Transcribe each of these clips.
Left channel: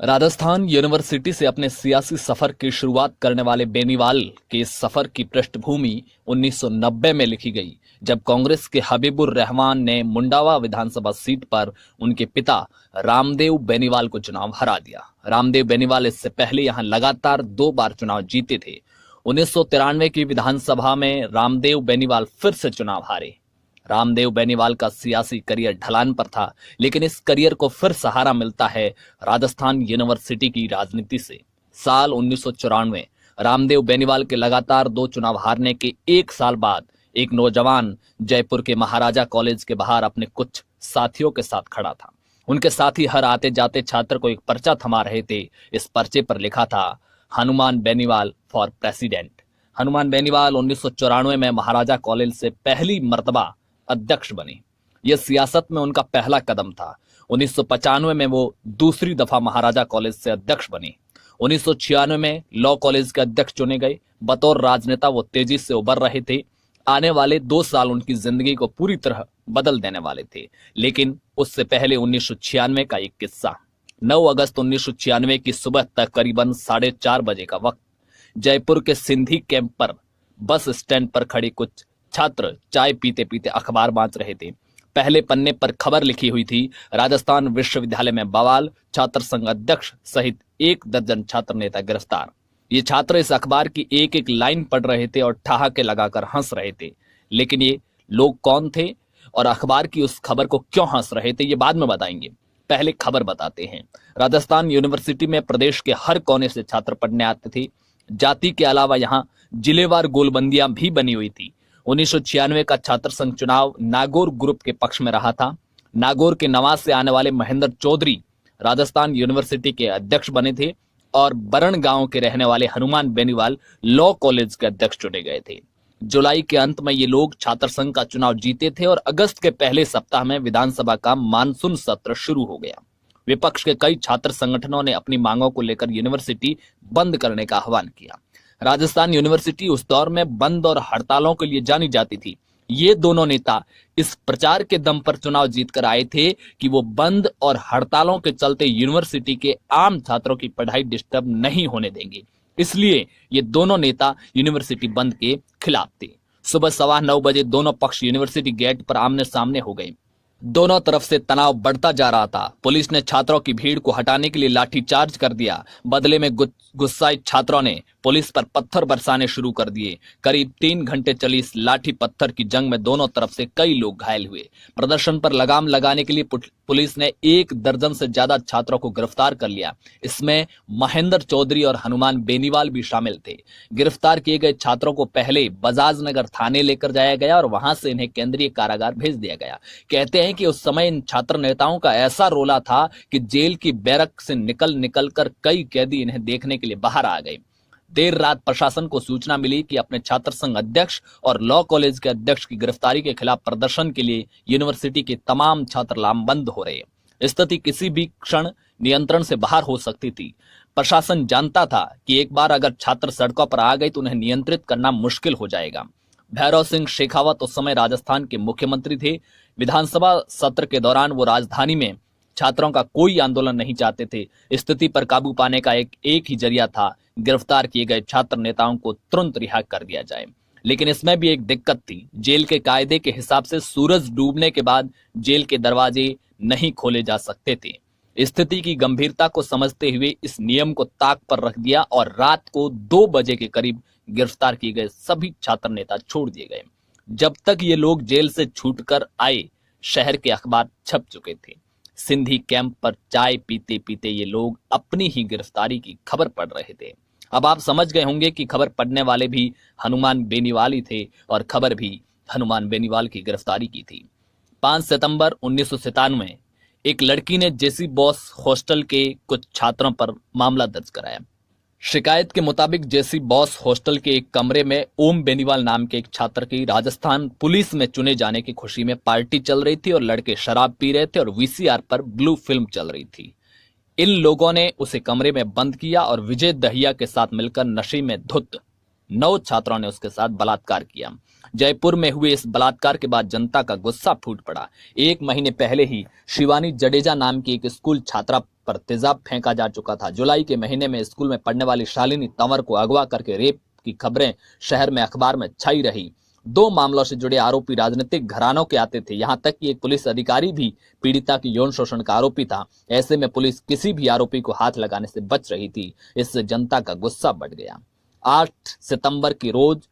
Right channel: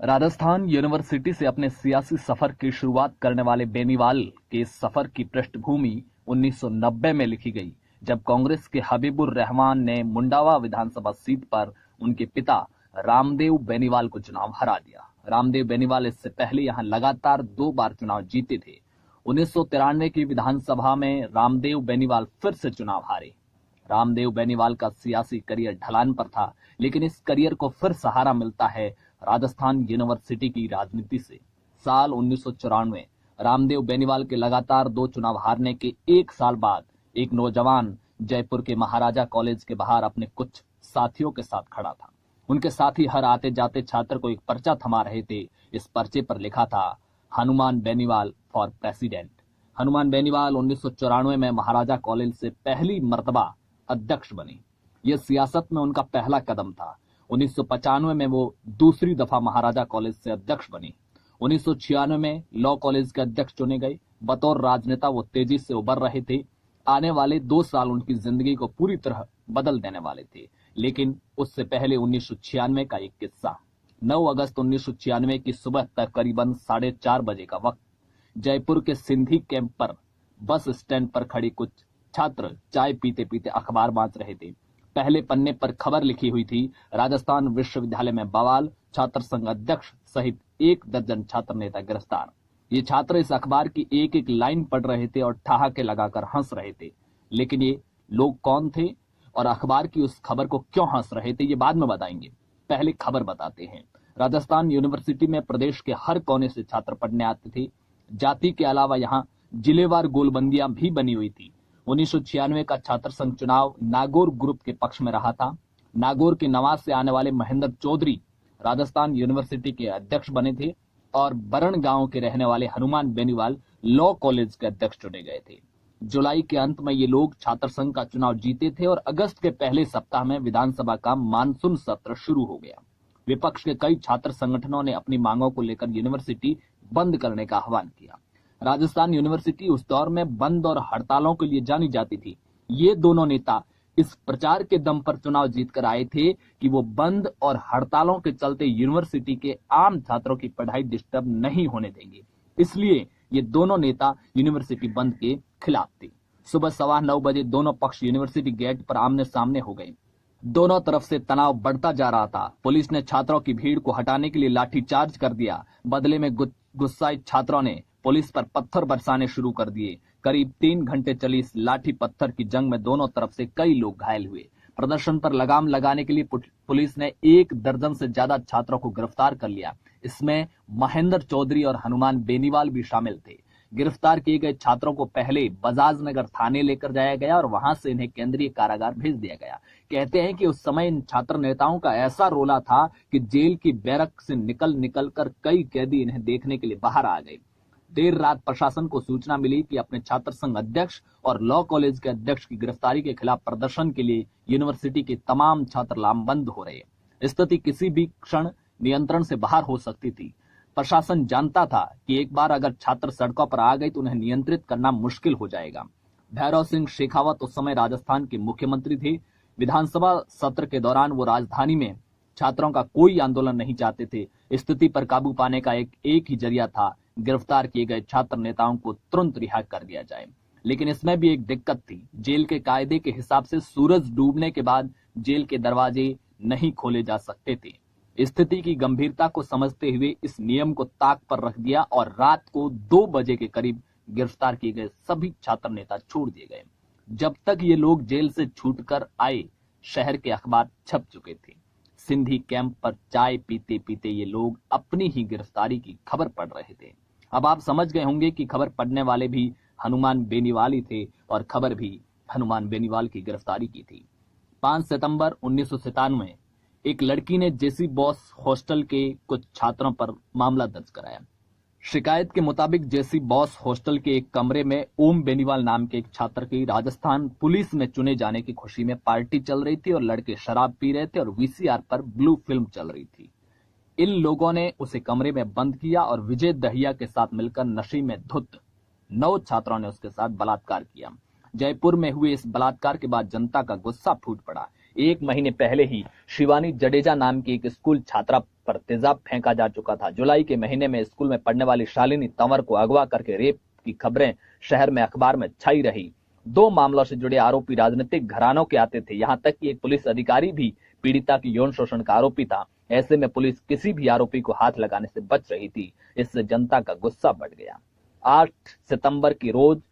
Rajasthan university से अपने सियासी सफर की शुरुआत करने वाले बेनीवाल के इस सफर की पृष्ठभूमि 1990 में लिखी गई, जब कांग्रेस के हबीबुर रहमान ने मुंडावा विधानसभा सीट पर उनके पिता रामदेव बेनीवाल को चुनाव हरा दिया। रामदेव बेनीवाल इससे पहले यहां लगातार 2 बार चुनाव जीते थे। 1993 की विधानसभा में रामदेव बेनीवाल फिर से चुनाव हारे। रामदेव बेनीवाल का सियासी करियर ढलान पर था, लेकिन इस करियर को फिर सहारा मिलता है राजस्थान यूनिवर्सिटी की राजनीति से। साल 1994 रामदेव बेनीवाल के लगातार 2 चुनाव हारने के 1 साल बाद एक नौजवान जयपुर के महाराजा कॉलेज के बाहर अपने कुछ साथियों के साथ खड़ा था। उनके साथी हर आते जाते छात्र को एक पर्चा थमा रहे थे। इस पर्चे पर लिखा था, हनुमान बेनीवाल फॉर प्रेसिडेंट। हनुमान बेनीवाल 1994 में महाराजा कॉलेज से पहली मर्तबा अध्यक्ष बने। यह सियासत में उनका पहला कदम था। 1995 में वो दूसरी दफा महाराजा कॉलेज से अध्यक्ष बने। 1996 में लॉ कॉलेज के अध्यक्ष चुने गए। बतौर राजनेता वो तेजी से उभर रहे थे। आने वाले 2 साल उनकी जिंदगी को पूरी तरह बदल देने वाले थे। लेकिन उससे पहले 1996 का एक किस्सा। 9 अगस्त 1996 की सुबह तक करीबन 4:30 बजे का वक्त, जयपुर के सिंधी कैंप पर बस स्टैंड पर खड़े कुछ छात्र चाय पीते पीते अखबार बांट रहे थे। पहले पन्ने पर खबर लिखी हुई थी, राजस्थान विश्वविद्यालय में बवाल, छात्र संघ अध्यक्ष सहित 1 दर्जन छात्र नेता गिरफ्तार। ये छात्र इस अखबार की एक एक लाइन पढ़ रहे थे और ठहाके लगाकर हंस रहे थे। लेकिन ये लोग कौन थे और अखबार की उस खबर को क्यों हंस रहे थे, ये बाद में बताएंगे। पहले खबर बताते हैं। राजस्थान यूनिवर्सिटी में प्रदेश के हर कोने से छात्र पढ़ने आते थे। जाति के अलावा यहाँ जिलेवार गोलबंदियां भी बनी हुई थी। 1996 का छात्र संघ चुनाव नागौर ग्रुप के पक्ष में रहा था। नागौर के नवाज से आने वाले महेंद्र चौधरी राजस्थान यूनिवर्सिटी के अध्यक्ष बने थे और बरण गांव के रहने वाले हनुमान बेनीवाल लॉ कॉलेज के अध्यक्ष चुने गए थे। जुलाई के अंत में ये लोग छात्र संघ का चुनाव जीते थे और अगस्त के पहले सप्ताह में विधानसभा का मानसून सत्र शुरू हो गया। विपक्ष के कई छात्र संगठनों ने अपनी मांगों को लेकर यूनिवर्सिटी बंद करने का आह्वान किया। राजस्थान यूनिवर्सिटी उस दौर में बंद और हड़तालों के लिए जानी जाती थी। ये दोनों नेता इस प्रचार के दम पर चुनाव जीतकर आए थे कि वो बंद और हड़तालों के चलते यूनिवर्सिटी के आम छात्रों की पढ़ाई डिस्टर्ब नहीं होने देंगे। इसलिए ये दोनों नेता यूनिवर्सिटी बंद के खिलाफ थे। सुबह 9:15 बजे दोनों पक्ष यूनिवर्सिटी गेट पर आमने सामने हो गए। दोनों तरफ से तनाव बढ़ता जा रहा था। पुलिस ने छात्रों की भीड़ को हटाने के लिए लाठीचार्ज कर दिया। बदले में गुस्साए छात्रों ने पुलिस पर पत्थर बरसाने शुरू कर दिए। करीब 3 घंटे चली इस लाठी पत्थर की जंग में दोनों तरफ से कई लोग घायल हुए। प्रदर्शन पर लगाम लगाने के लिए पुलिस ने 1 दर्जन से ज्यादा छात्रों को गिरफ्तार कर लिया। इसमें महेंद्र चौधरी और हनुमान बेनीवाल भी शामिल थे। गिरफ्तार किए गए छात्रों को पहले बजाज नगर थाने लेकर जाया गया और वहां से इन्हें केंद्रीय कारागार भेज दिया गया। कहते हैं कि उस समय इन छात्र नेताओं का ऐसा रोला था कि जेल की बैरक से निकल कर कई कैदी इन्हें देखने के लिए बाहर आ गए। देर रात प्रशासन को सूचना मिली कि अपने छात्र संघ अध्यक्ष और लॉ कॉलेज के अध्यक्ष की गिरफ्तारी के खिलाफ प्रदर्शन के लिए यूनिवर्सिटी के तमाम छात्र लामबंद हो रहे। स्थिति किसी भी क्षण नियंत्रण से बाहर हो सकती थी। प्रशासन जानता था कि एक बार अगर छात्र सड़कों पर आ गए तो उन्हें नियंत्रित करना मुश्किल हो जाएगा। भैरव सिंह शेखावत उस समय राजस्थान के मुख्यमंत्री थे। विधानसभा सत्र के दौरान वो राजधानी में छात्रों का कोई आंदोलन नहीं चाहते थे। स्थिति पर काबू पाने का एक ही जरिया था, गिरफ्तार किए गए छात्र नेताओं को तुरंत रिहा कर दिया जाए। लेकिन इसमें भी एक दिक्कत थी। जेल के कायदे के हिसाब से सूरज डूबने के बाद जेल के दरवाजे नहीं खोले जा सकते थे। स्थिति की गंभीरता को समझते हुए इस नियम को ताक पर रख दिया और रात को 2 बजे के करीब गिरफ्तार किए गए सभी छात्र नेता छोड़ दिए गए। जब तक ये लोग जेल से छूटकर आए, शहर के अखबार छप चुके थे। सिंधी कैंप पर चाय पीते पीते ये लोग अपनी ही गिरफ्तारी की खबर पढ़ रहे थे। अब आप समझ गए होंगे कि खबर पढ़ने वाले भी हनुमान बेनीवाल ही थे और खबर भी हनुमान बेनीवाल की गिरफ्तारी की थी। 5 सितंबर 1997 एक लड़की ने जेसी बॉस हॉस्टल के कुछ छात्रों पर मामला दर्ज कराया। शिकायत के मुताबिक जेसी बॉस हॉस्टल के एक कमरे में ओम बेनीवाल नाम के एक छात्र की राजस्थान पुलिस में चुने जाने की खुशी में पार्टी चल रही थी और लड़के शराब पी रहे थे और वीसीआर पर ब्लू फिल्म चल रही थी। इन लोगों ने उसे कमरे में बंद किया और विजय दहिया के साथ मिलकर नशे में धुत 9 छात्रों ने उसके साथ बलात्कार किया। जयपुर में हुए इस बलात्कार के बाद जनता का गुस्सा फूट पड़ा। 1 महीने पहले ही शिवानी जडेजा नाम की एक स्कूल छात्रा पर तेजाब फेंका जा चुका था। जुलाई के महीने में स्कूल में पढ़ने वाली शालिनी तंवर को अगवा करके रेप की खबरें शहर में अखबार में छाई रही। 2 मामलों से जुड़े आरोपी राजनीतिक घरानों के आते थे। यहां तक कि एक पुलिस अधिकारी भी पीड़िता की यौन शोषण का आरोपी था। ऐसे में पुलिस किसी भी आरोपी को हाथ लगाने से बच रही थी। इससे जनता का गुस्सा बढ़ गया। 8 सितंबर की रोज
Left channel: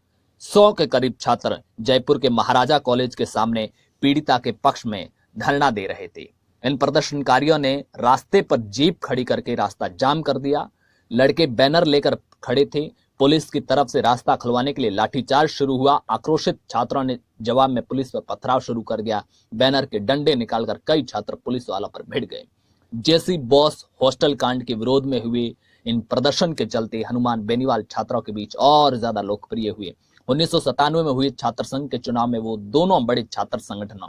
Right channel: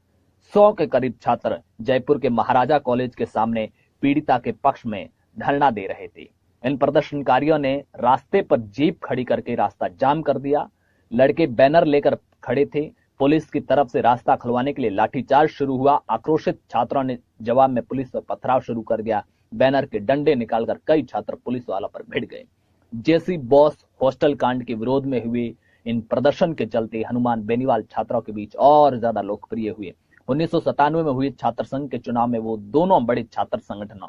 100 के करीब छात्र जयपुर के महाराजा कॉलेज के सामने पीड़िता के पक्ष में धरना दे रहे थे। इन प्रदर्शनकारियों ने रास्ते पर जीप खड़ी करके रास्ता जाम कर दिया। लड़के बैनर लेकर खड़े थे। पुलिस की तरफ से रास्ता खुलवाने के लिए लाठीचार्ज शुरू हुआ। आक्रोशित छात्रों ने जवाब में पुलिस पर पथराव शुरू कर दिया। बैनर के डंडे निकालकर कई छात्र पुलिस वालों पर भिड़ गए। जेसी बॉस हॉस्टल कांड के विरोध में हुए इन प्रदर्शन के चलते हनुमान बेनीवाल छात्रों के बीच और ज्यादा लोकप्रिय हुए। 1997 में हुए छात्र संघ के चुनाव में वो दोनों बड़े छात्र संगठनों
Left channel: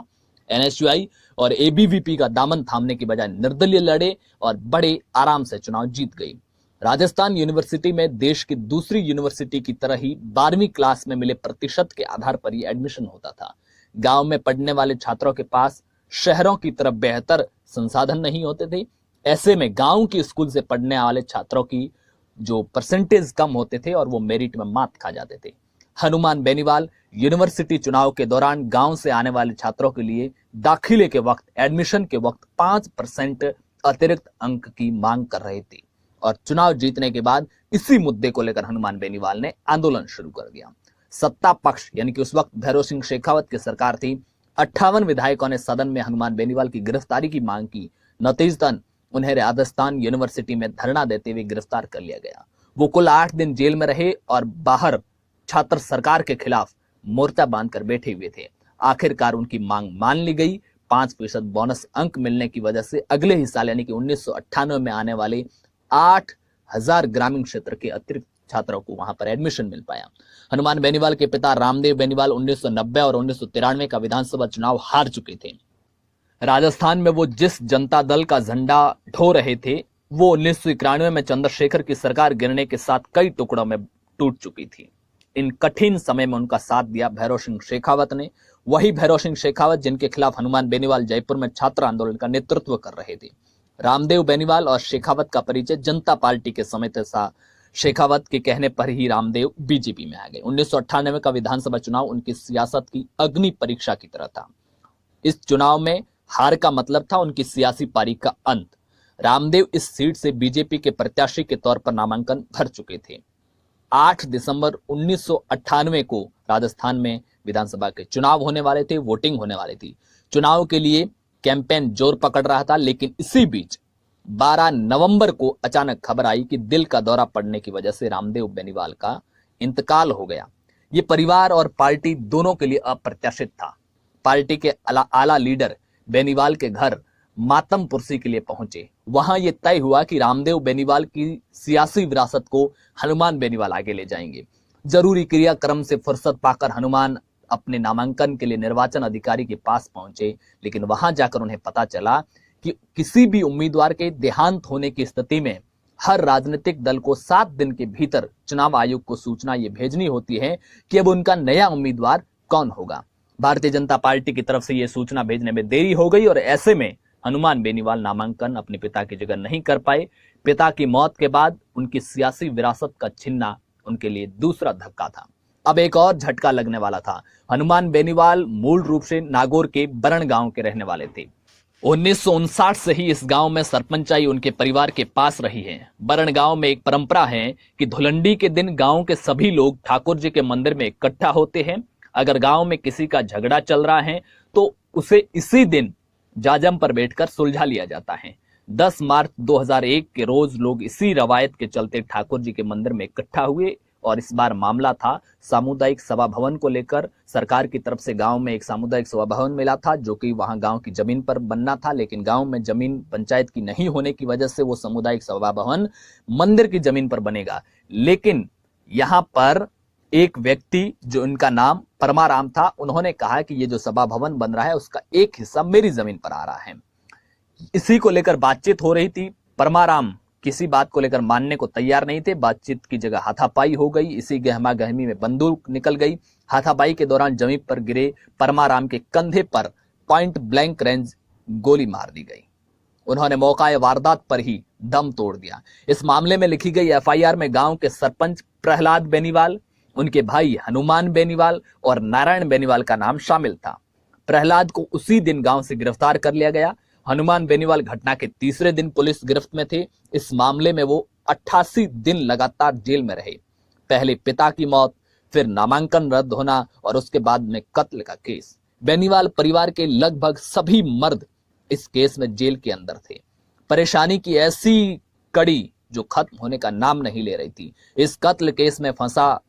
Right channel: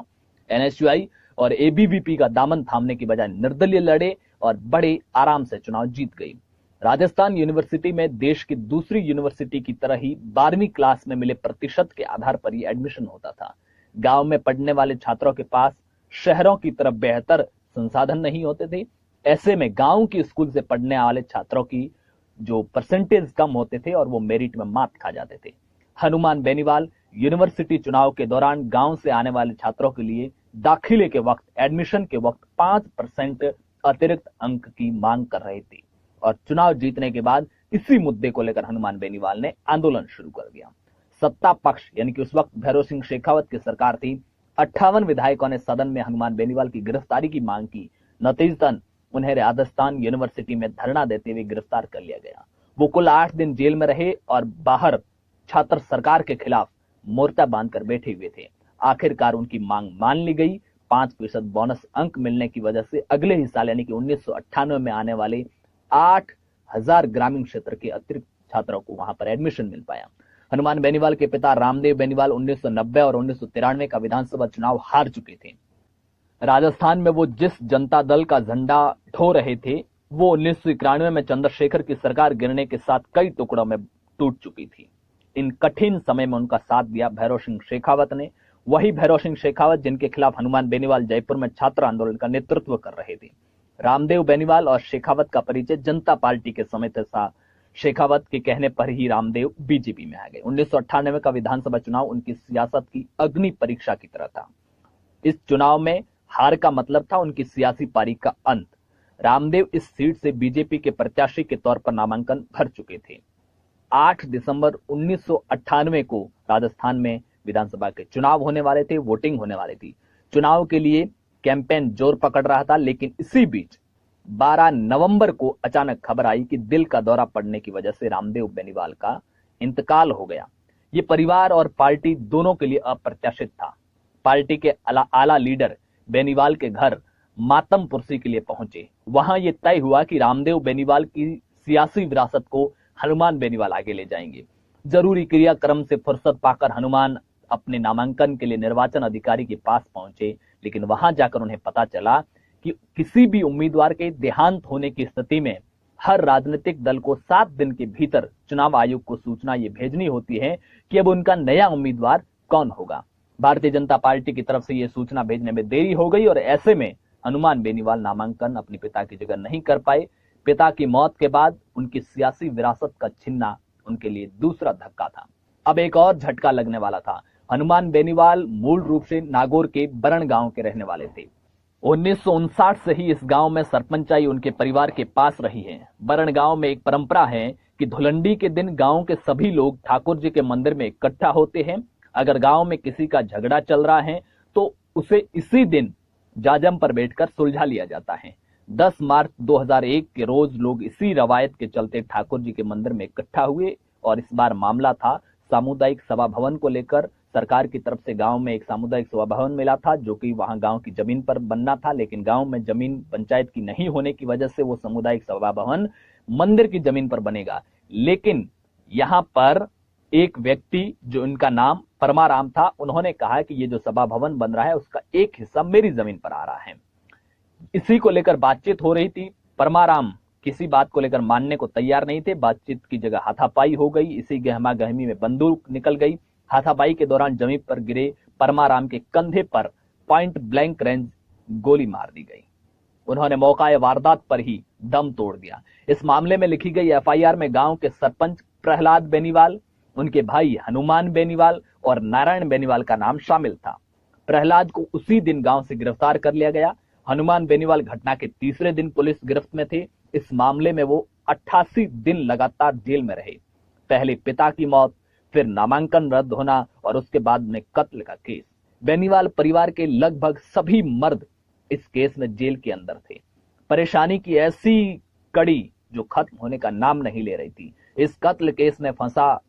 एनएसयूआई और एबीवीपी का दामन थामने की बजाय निर्दलीय लड़े और बड़े आराम से चुनाव जीत गई। राजस्थान यूनिवर्सिटी में देश की दूसरी यूनिवर्सिटी की तरह ही 12वीं क्लास में मिले प्रतिशत के आधार पर ही एडमिशन होता था। गांव में पढ़ने वाले छात्रों के पास शहरों की तरफ बेहतर संसाधन नहीं होते थे। ऐसे में गांव की स्कूल से पढ़ने वाले छात्रों की जो परसेंटेज कम होते थे और वो मेरिट में मात खा जाते थे। हनुमान बेनीवाल यूनिवर्सिटी चुनाव के दौरान गांव से आने वाले छात्रों के लिए दाखिले के वक्त एडमिशन के वक्त 5% अतिरिक्त अंक की मांग कर रहे थे और चुनाव जीतने के बाद इसी मुद्दे को लेकर हनुमान बेनीवाल ने आंदोलन शुरू कर दिया। सत्ता पक्ष यानी कि उस वक्त भैरव सिंह शेखावत की सरकार थी। 58 विधायकों ने सदन में हनुमान बेनीवाल की गिरफ्तारी की मांग की। नतीजतन उन्हें राजस्थान यूनिवर्सिटी में धरना देते हुए गिरफ्तार कर लिया गया। वो कुल 8 दिन जेल में रहे और बाहर छात्र सरकार के खिलाफ मोर्चा बांधकर बैठे हुए थे। आखिरकार उनकी मांग मान ली गई। 5% बोनस अंक मिलने की वजह से अगले ही साल यानी कि 1998 में आने वाले 8000 ग्रामीण क्षेत्र के अतिरिक्त छात्रों को वहां पर एडमिशन मिल पाया। हनुमान बेनीवाल के पिता रामदेव बेनीवाल 1990 और 1993 का विधानसभा चुनाव हार चुके थे। राजस्थान में वो जिस जनता दल का झंडा ढो रहे थे वो 1991 में चंद्रशेखर की सरकार गिरने के साथ कई टुकड़ों में टूट चुकी थी। इन कठिन समय में उनका साथ दिया भैरव सिंह शेखावत ने। वही भैरव सिंह शेखावत जिनके खिलाफ हनुमान बेनीवाल जयपुर में छात्र आंदोलन का नेतृत्व कर रहे थे। रामदेव बेनीवाल और शेखावत का परिचय जनता पार्टी के समय था। शेखावत के कहने पर ही रामदेव बीजेपी में आ गए। 1998 का विधानसभा चुनाव उनकी सियासत की अग्नि परीक्षा की तरह था। इस चुनाव में हार का मतलब था उनकी सियासी पारी का अंत। रामदेव इस सीट से बीजेपी के प्रत्याशी के तौर पर नामांकन भर चुके थे। 8 दिसंबर 1998 को राजस्थान में विधानसभा के चुनाव होने वाले थे। वोटिंग होने वाली थी। चुनाव के लिए कैंपेन जोर पकड़ रहा था, लेकिन इसी बीच 12 नवंबर को अचानक खबर आई कि दिल का दौरा पड़ने की वजह से रामदेव बेनीवाल का इंतकाल हो गया। ये परिवार और पार्टी दोनों के लिए अप्रत्याशित था। पार्टी के आला लीडर बेनीवाल के घर मातम पुरसी के लिए पहुंचे। वहां यह तय हुआ कि रामदेव बेनीवाल की सियासी विरासत को हनुमान बेनीवाल आगे ले जाएंगे। जरूरी क्रियाक्रम से फुर्सत पाकर हनुमान अपने नामांकन के लिए निर्वाचन अधिकारी के पास पहुंचे, लेकिन वहां जाकर उन्हें पता चला कि किसी भी उम्मीदवार के देहांत होने की स्थिति में हर राजनीतिक दल को 7 दिन के भीतर चुनाव आयोग को सूचना ये भेजनी होती है कि अब उनका नया उम्मीदवार कौन होगा। भारतीय जनता पार्टी की तरफ से यह सूचना भेजने में देरी हो गई और ऐसे में हनुमान बेनीवाल नामांकन अपने पिता की जगह नहीं कर पाए। पिता की मौत के बाद उनकी सियासी विरासत का छीनना उनके लिए दूसरा धक्का था। अब एक और झटका लगने वाला था। हनुमान बेनीवाल मूल रूप से नागौर के बरण गांव के रहने वाले थे। 1959 से ही इस गांव में सरपंचाई उनके परिवार के पास रही है। बरण गांव में एक परंपरा है कि धुलंडी के दिन गांव के सभी लोग ठाकुर जी के मंदिर में इकट्ठा होते हैं। अगर गांव में किसी का झगड़ा चल रहा है तो उसे इसी दिन जाजम पर बैठकर सुलझा लिया जाता है। 10 मार्च 2001 के रोज लोग इसी रवायत के चलते ठाकुर जी के मंदिर में इकट्ठा हुए और इस बार मामला था सामुदायिक सभा भवन को लेकर। सरकार की तरफ से गांव में एक सामुदायिक सभा भवन मिला था जो कि वहां गांव की जमीन पर बनना था, लेकिन गांव में जमीन पंचायत की नहीं होने की वजह से वो सामुदायिक सभा भवन मंदिर की जमीन पर बनेगा। लेकिन यहां पर एक व्यक्ति जो इनका नाम परमाराम था, उन्होंने कहा कि ये जो सभा भवन बन रहा है उसका एक हिस्सा मेरी जमीन पर आ रहा है। इसी को लेकर बातचीत हो रही थी। परमाराम किसी बात को लेकर मानने को तैयार नहीं थे। बातचीत की जगह हाथापाई हो गई। इसी गहमा गहमी में बंदूक निकल गई। हाथापाई के दौरान जमीन पर गिरे परमाराम के कंधे पर पॉइंट ब्लैंक रेंज गोली मार दी गई। उन्होंने मौका वारदात पर ही दम तोड़ दिया। इस मामले में लिखी गई एफआईआर में गांव के सरपंच प्रहलाद बेनीवाल, उनके भाई हनुमान बेनीवाल और नारायण बेनीवाल का नाम शामिल था। प्रहलाद को उसी दिन गांव से गिरफ्तार कर लिया गया। हनुमान बेनीवाल घटना के तीसरे दिन पुलिस गिरफ्त में थे। इस मामले में वो 88 दिन लगातार जेल में रहे। पहले पिता की मौत, फिर नामांकन रद्द होना और उसके बाद में कत्ल का केस। बेनीवाल परिवार के लगभग सभी मर्द इस केस में जेल के अंदर थे। परेशानी की ऐसी कड़ी जो खत्म होने का नाम नहीं ले रही थी। इस कत्ल केस में फंसा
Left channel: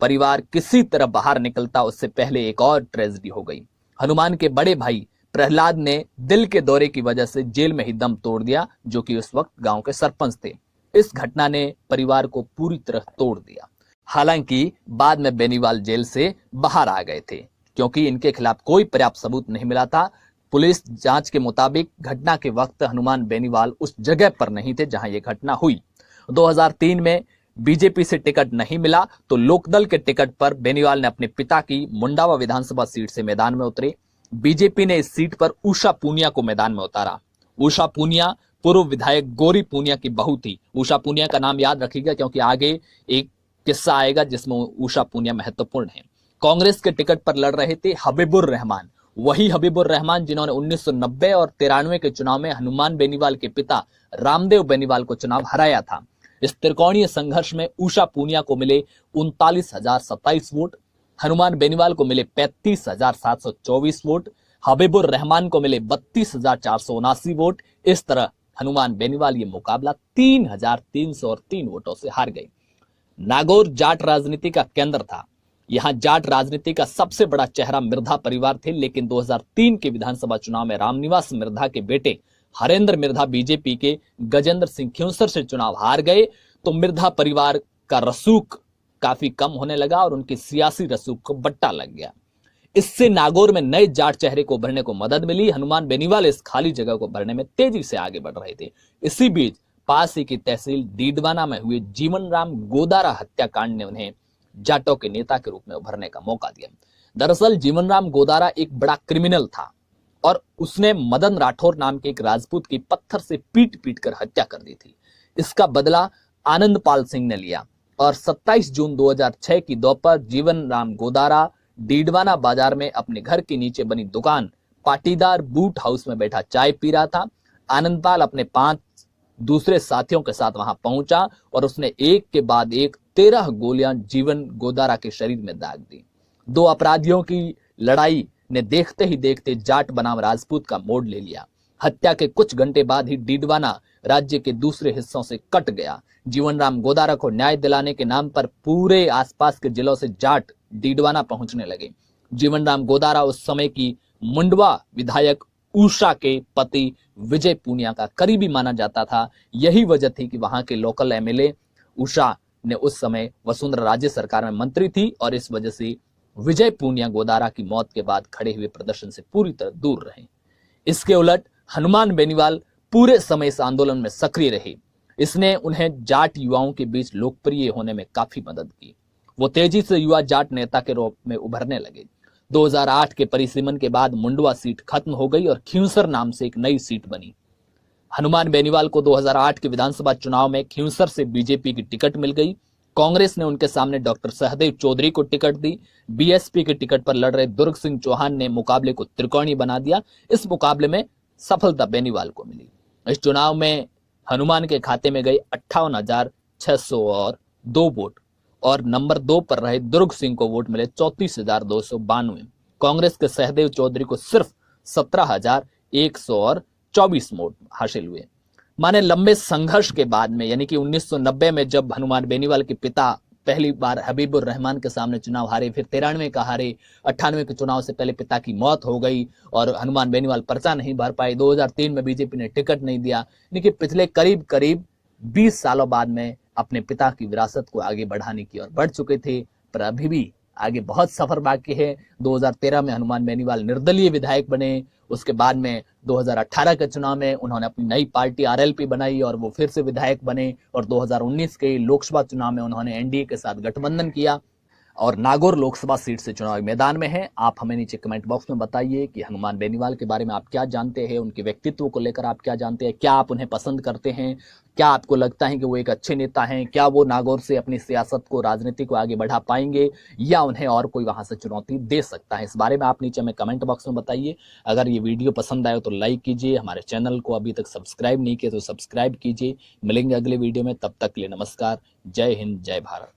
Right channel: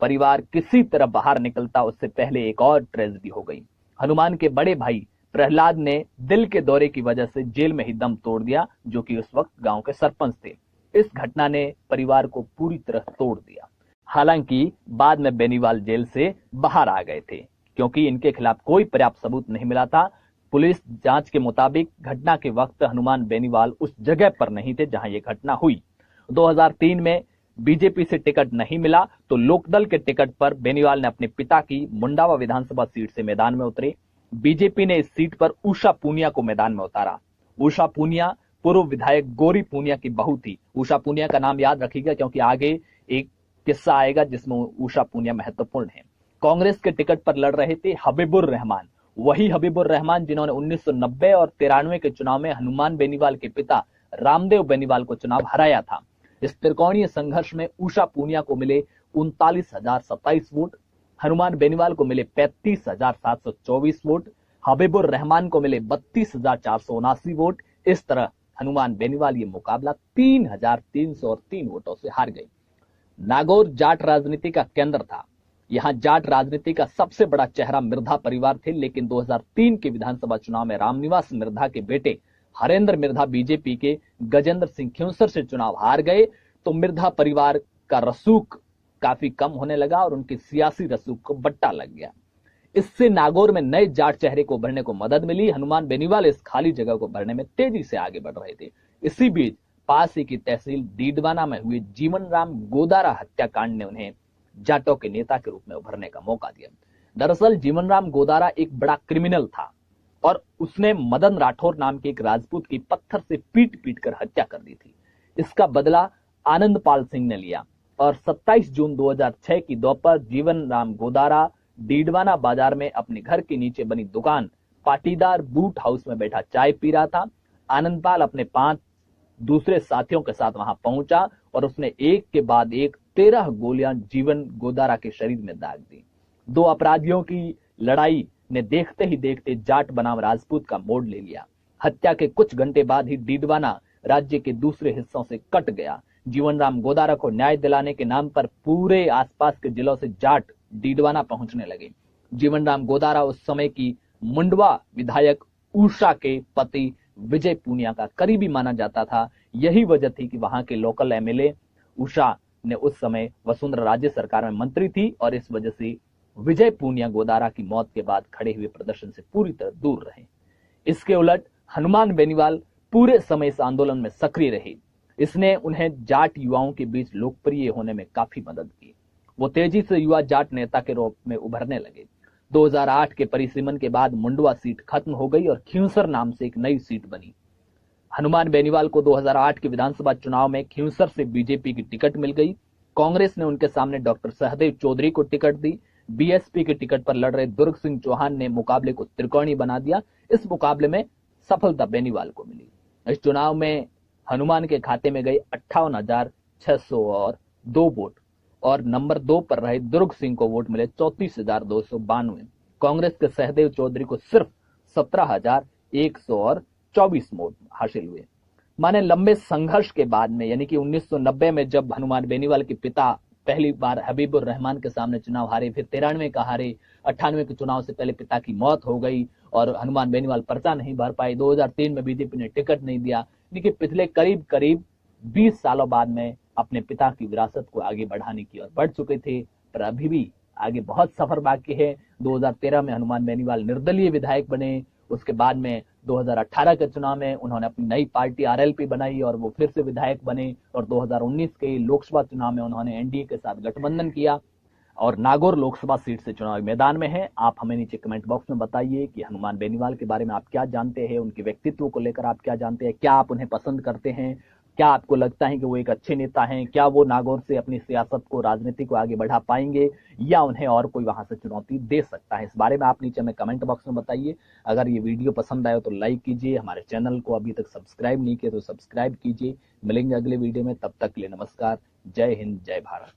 परिवार किसी तरह बाहर निकलता उससे पहले एक और ट्रेजेडी हो गई। हनुमान के बड़े भाई प्रहलाद ने दिल के दौरे की वजह से जेल में ही दम तोड़ दिया, जो कि उस वक्त गांव के सरपंच थे। इस घटना ने परिवार को पूरी तरह तोड़ दिया। हालांकि बाद में बेनीवाल जेल से बाहर आ गए थे क्योंकि इनके खिलाफ कोई पर्याप्त सबूत नहीं मिला था। पुलिस जांच के मुताबिक घटना के वक्त हनुमान बेनीवाल उस जगह पर नहीं थे जहां यह घटना हुई। 2003 में बीजेपी से टिकट नहीं मिला तो लोकदल के टिकट पर बेनीवाल ने अपने पिता की मुंडावा विधानसभा सीट से मैदान में उतरे। बीजेपी ने इस सीट पर उषा पूनिया को मैदान में उतारा। उषा पूनिया पूर्व विधायक गौरी पूनिया की बहू थी। उषा पूनिया का नाम याद रखिएगा क्योंकि आगे एक किस्सा आएगा जिसमें उषा पूनिया महत्वपूर्ण है। कांग्रेस के टिकट पर लड़ रहे थे हबीबुर रहमान, वही हबीबुर रहमान जिन्होंने 1990 और 93 के चुनाव में हनुमान बेनीवाल के पिता रामदेव बेनीवाल को चुनाव हराया था। इस त्रिकोणीय संघर्ष में उषा पूनिया को मिले 39,027 वोट, हनुमान बेनीवाल को मिले 35,724 वोट, हबीबुर रहमान को मिले 32,479 वोट। इस तरह हनुमान बेनीवाल ये मुकाबला 3,303 वोटों से हार गए। नागौर जाट राजनीति का केंद्र था। यहां जाट राजनीति का सबसे बड़ा चेहरा मिर्धा परिवार थे, लेकिन 2003 के विधानसभा चुनाव में रामनिवास मिर्धा के बेटे हरेंद्र मिर्धा बीजेपी के गजेंद्र सिंह खिंवसर से चुनाव हार गए तो मिर्धा परिवार का रसूख काफी कम होने लगा और उनके सियासी रसूख को बट्टा लग गया। इससे नागौर में नए जाट चेहरे को उभरने को मदद मिली। हनुमान बेनीवाल इस खाली जगह को भरने में तेजी से आगे बढ़ रहे थे। इसी बीच पास ही की तहसील डीडवाना में हुए जीवन राम गोदारा हत्याकांड ने उन्हें जाटों के नेता के रूप में उभरने का मौका दिया। दरअसल जीवन राम गोदारा एक बड़ा क्रिमिनल था और उसने मदन राठौर नाम के एक राजपूत की पत्थर से पीट कर हत्या कर दी थी। इसका बदला आनंदपाल सिंह ने लिया और 27 जून 2006 की दोपहर जीवन राम गोदारा डीडवाना बाजार में अपने घर के नीचे बनी दुकान पाटीदार बूट हाउस में बैठा चाय पी रहा था। आनंदपाल अपने 5 दूसरे साथियों के साथ वहां पहुंचा और उसने एक के बाद एक 13 गोलियां जीवन गोदारा के शरीर में दाग दी। 2 अपराधियों की लड़ाई ने देखते ही देखते जाट बनाम राजपूत का मोड़ ले लिया। हत्या के कुछ घंटे बाद ही डीडवाना राज्य के दूसरे हिस्सों से कट गया। जीवन राम गोदारा को न्याय दिलाने के नाम पर पूरे आसपास के जिलों से जाट डीडवाना पहुंचने लगे। जीवन राम गोदारा उस समय की मुंडवा विधायक उषा के पति विजय पूनिया का करीबी माना जाता था। यही वजह थी कि वहां के लोकल एमएलए उषा ने उस समय वसुंधरा राज्य सरकार में मंत्री थी और इस वजह से विजय पूनिया गोदारा की मौत के बाद खड़े हुए प्रदर्शन से पूरी तरह दूर रहे। इसके उलट हनुमान बेनीवाल पूरे समय इस आंदोलन में सक्रिय रहे। इसने उन्हें जाट युवाओं के बीच लोकप्रिय होने में काफी मदद की। वो तेजी से युवा जाट नेता के रूप में उभरने लगे। 2008 के परिसीमन के बाद मुंडवा सीट खत्म हो गई और खिंवसर नाम से एक नई सीट बनी। हनुमान बेनीवाल को 2008 के विधानसभा चुनाव में खिंवसर से बीजेपी की टिकट मिल गई। कांग्रेस ने उनके सामने डॉक्टर सहदेव चौधरी को टिकट दी। बीएसपी के टिकट पर लड़ रहे दुर्ग सिंह चौहान ने मुकाबले को त्रिकोणीय बना दिया। इस मुकाबले में सफलता बेनीवाल को मिली। इस चुनाव में हनुमान के खाते में गई 58,602 वोट और नंबर 2 पर रहे दुर्ग सिंह को वोट मिले 34,292। कांग्रेस के सहदेव चौधरी को सिर्फ 17,124 वोट हासिल हुए। माने लंबे संघर्ष के बाद में यानी कि 1990 में जब हनुमान बेनीवाल के पिता पहली बार हबीबुर रहमान के सामने चुनाव हारे, फिर 93 का हारे, 98 के चुनाव से पहले पिता की मौत हो गई और हनुमान बेनीवाल पर्चा नहीं भर पाए। 2003 में बीजेपी ने टिकट नहीं दिया। यानी कि पिछले करीब 20 सालों बाद में अपने पिता की विरासत को आगे बढ़ाने की ओर बढ़ चुके थे, पर अभी भी आगे बहुत सफर बाकी है। 2013 में हनुमान बेनीवाल निर्दलीय विधायक बने। उसके बाद में 2018 के चुनाव में उन्होंने अपनी नई पार्टी आरएलपी बनाई और वो फिर से विधायक बने और 2019 के लोकसभा चुनाव में उन्होंने एनडीए के साथ गठबंधन किया। और नागौर लोकसभा सीट से चुनावी मैदान में हैं। आप हमें नीचे कमेंट बॉक्स में बताइए कि हनुमान बेनीवाल के बारे में आप क्या जानते हैं, उनके व्यक्तित्व को लेकर आप क्या जानते हैं, क्या आप उन्हें पसंद करते हैं, क्या आपको लगता है कि वो एक अच्छे नेता हैं, क्या वो नागौर से अपनी सियासत को, राजनीति को आगे बढ़ा पाएंगे या उन्हें और कोई वहां से चुनौती दे सकता है। इस बारे में आप नीचे हमें कमेंट बॉक्स में बताइए। अगर ये वीडियो पसंद आए तो लाइक कीजिए, हमारे चैनल को अभी तक सब्सक्राइब नहीं किया तो सब्सक्राइब कीजिए। मिलेंगे अगले वीडियो में, तब तक के लिए नमस्कार। जय हिंद, जय भारत।